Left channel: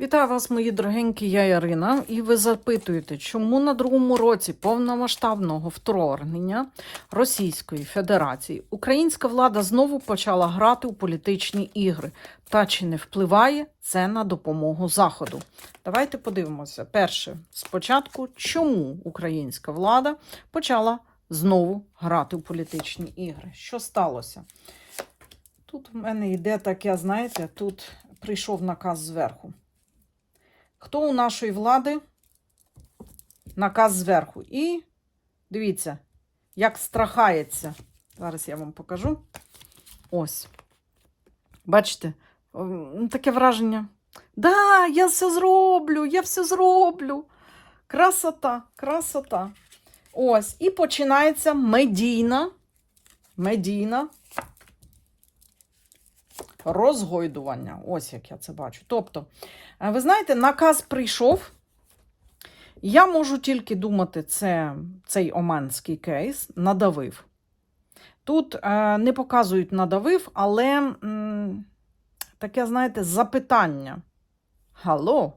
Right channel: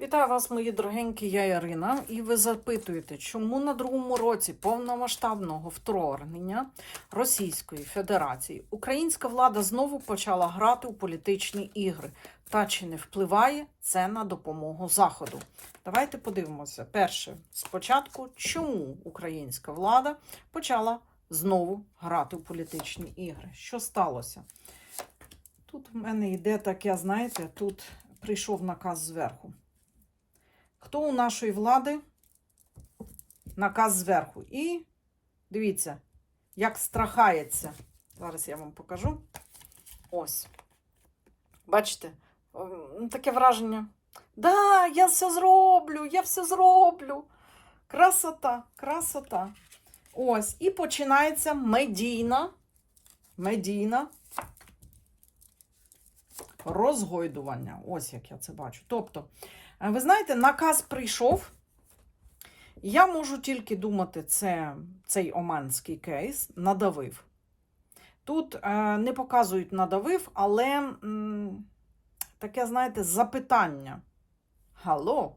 Вітаю вас, мої дорогенькі, я Ярина. І ви запитуєте, чому на другому році повномасштабного вторгнення Російської Федерації українська влада знову почала грати у політичні ігри? Та чи не впливає це на допомогу Заходу? Давайте подивимося. Перше, спочатку, чому українська влада почала знову грати у політичні ігри? Що сталося? Тут в мене йде таке, знаєте, тут прийшов наказ зверху. Хто у нашої влади? Наказ зверху. І дивіться, як страхається. Зараз я вам покажу. Ось. Бачите, таке враження. Да, я все зроблю, я все зроблю. Красота, красота. Ось. І починається медійна, медійна розгойдування. Ось як я це бачу. Тобто, е, ви знаєте, наказ прийшов. Я можу тільки думати, це цей оманський кейс надавив. Тут е, не показують надавив, але м, таке, знаєте, запитання. Гало,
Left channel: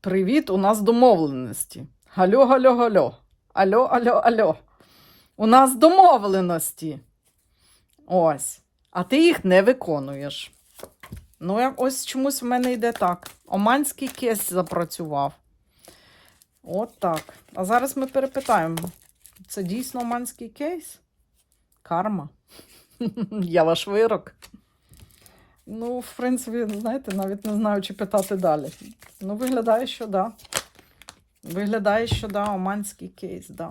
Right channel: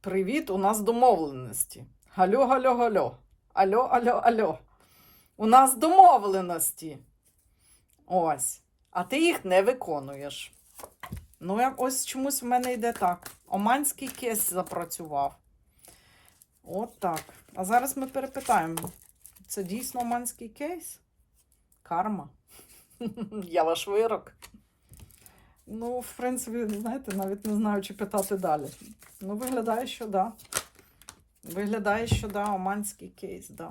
привіт, у нас домовленості. Гальо, гальо, гальо. Альо, альо, альо. У нас домовленості. Ось. А ти їх не виконуєш. Ну, ось чомусь в мене йде так. Оманський кейс запрацював. От так. А зараз ми перепитаємо. Це дійсно оманський кейс? Карма. Я ваш вирок. Ну, в принципі, знаєте, навіть не знаю, чи питати далі. Ну, виглядає, що да. Виглядає, що да, оманський кейс, да.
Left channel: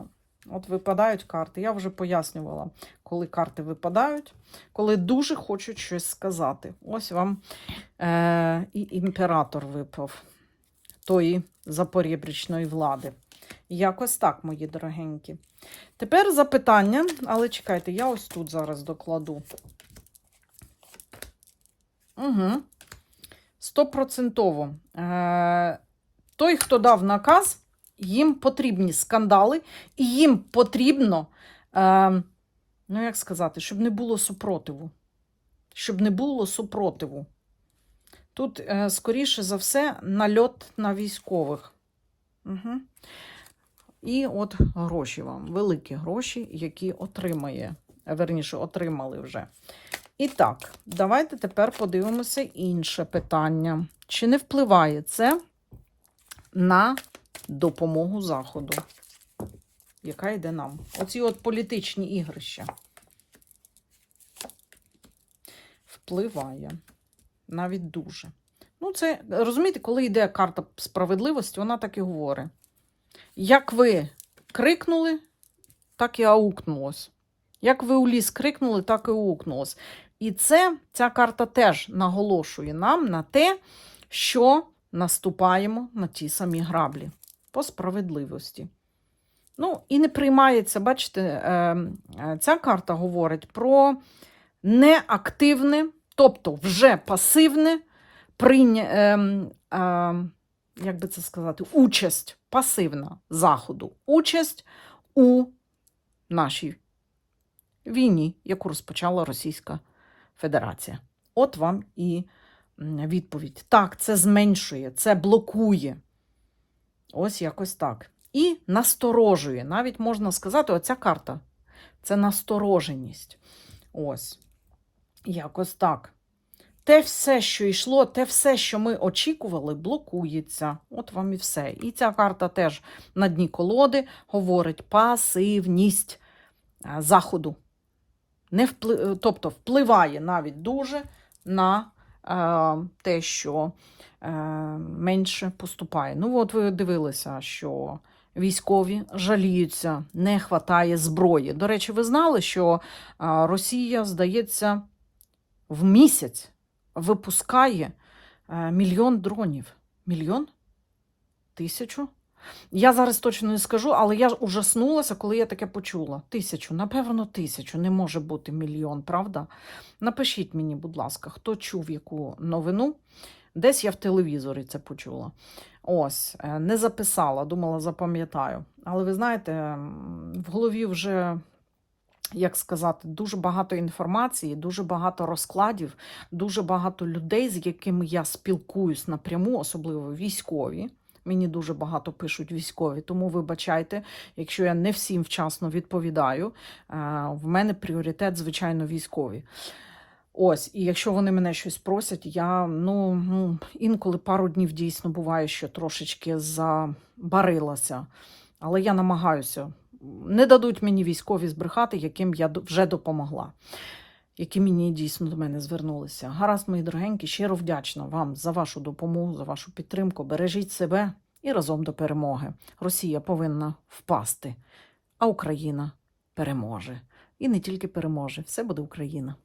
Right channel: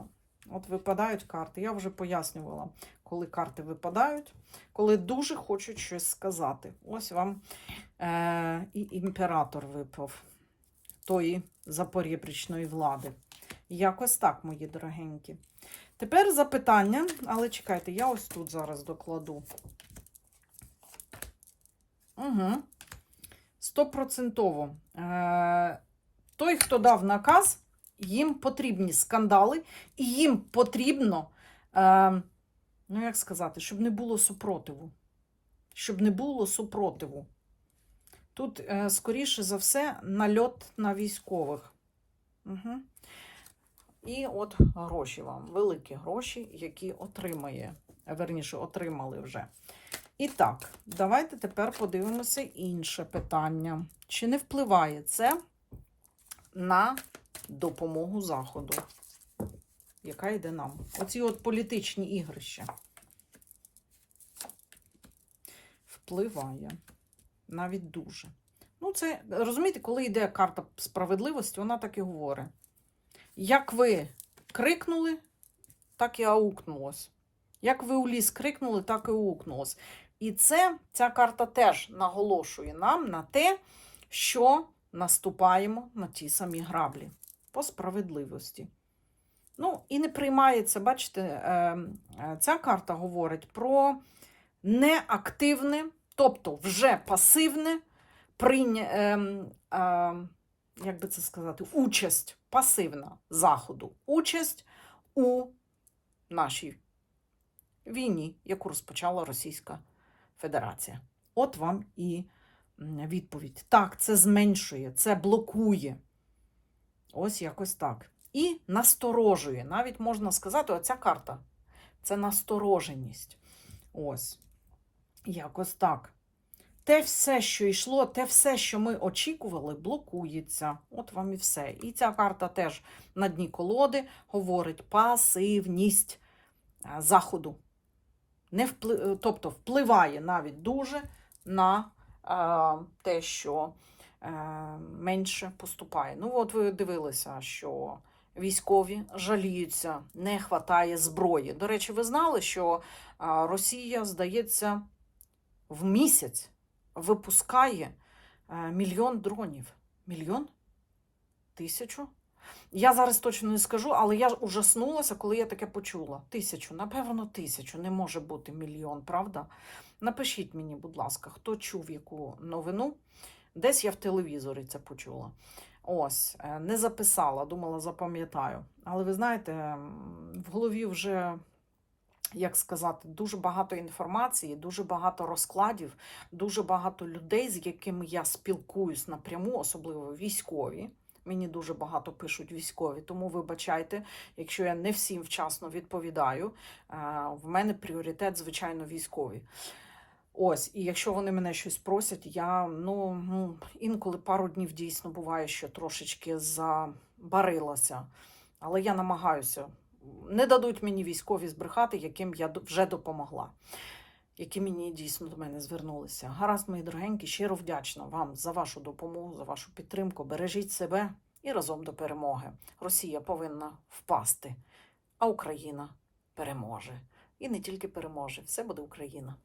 От випадають карти. Я вже пояснювала, коли карти випадають, коли дуже хочуть щось сказати. Ось вам е- і імператор випав тої запорєбрічної влади. Якось так, мої дорогенькі. Тепер запитання, але чекайте, я ось тут зараз докладу. Угу. Стопроцентово. Е- той, хто дав наказ, їм потрібні скандали, і їм потрібно, е, ну як сказати, щоб не було супротиву. Щоб не було супротиву. Тут, е, скоріше за все, нальот на військових. Угу. І от гроші вам, великі гроші, які отримає, верніше, отримали вже. І так, давайте тепер подивимося інше питання. Чи не впливає це на допомогу Заходу, яка йде нам? Оці от політичні ігрища. Впливає. Навіть дуже. Ну, це, розумієте, коли йде карта справедливості, вона так і говорить. Як ви крикнули, так і аукнулось. Як ви у ліс крикнули, так і аукнулось. І це, ця карта теж наголошує нам на те, що наступаємо на ті самі граблі по справедливості. Ну, і не приймається, бачите, е, е, ця карта говорить про неактивне, тобто вже пасивне прийня, е, е, як би це сказати, участь пасивна Заходу, участь у нашій війні, яку розпочала Російська Федерація. От вам і відповідь. Так, це зменшує, це блокує. Ось якось так. І насторожує. Навіть можна сказати, оця карта це настороженість. Ось. Якось так. Те все, що йшло, те все, що ми очікували, блокується. От вам і все. І ця карта теж на дні колоди говорить пасивність заходу. Не впли... Тобто впливає навіть дуже на те, що е, менше поступає. Ну, от ви дивилися, що військові жаліються, не хватає зброї. До речі, ви знали, що е, Росія, здається, в місяць випускає е, мільйон дронів. Мільйон? Тисячу? Я зараз точно не скажу, але я ужаснулася, коли я таке почула. Тисячу, напевно, тисячу. Не може бути мільйон, правда? Напишіть мені, будь ласка, хто чув яку новину. Десь я в телевізорі це почула. Ось, е, не записала, думала, запам'ятаю. Але ви знаєте, в голові вже як сказати, дуже багато інформації, дуже багато розкладів, дуже багато людей, з якими я спілкуюсь напряму, особливо військові. Мені дуже багато пишуть військові, тому вибачайте, якщо я не всім вчасно відповідаю. Е, В мене пріоритет, звичайно, військові. Ось, і якщо вони мене щось просять, я ну, ну інколи пару днів дійсно буває, що трошечки забарилася. Але я намагаюся. Не дадуть мені військові збрехати, яким я вже допомогла, які мені дійсно до мене звернулися. Гаразд, мої дорогенькі, щиро вдячна вам за вашу допомогу, за вашу підтримку. Бережіть себе і разом до перемоги. Росія повинна впасти, а Україна переможе. І не тільки переможе, все буде Україна.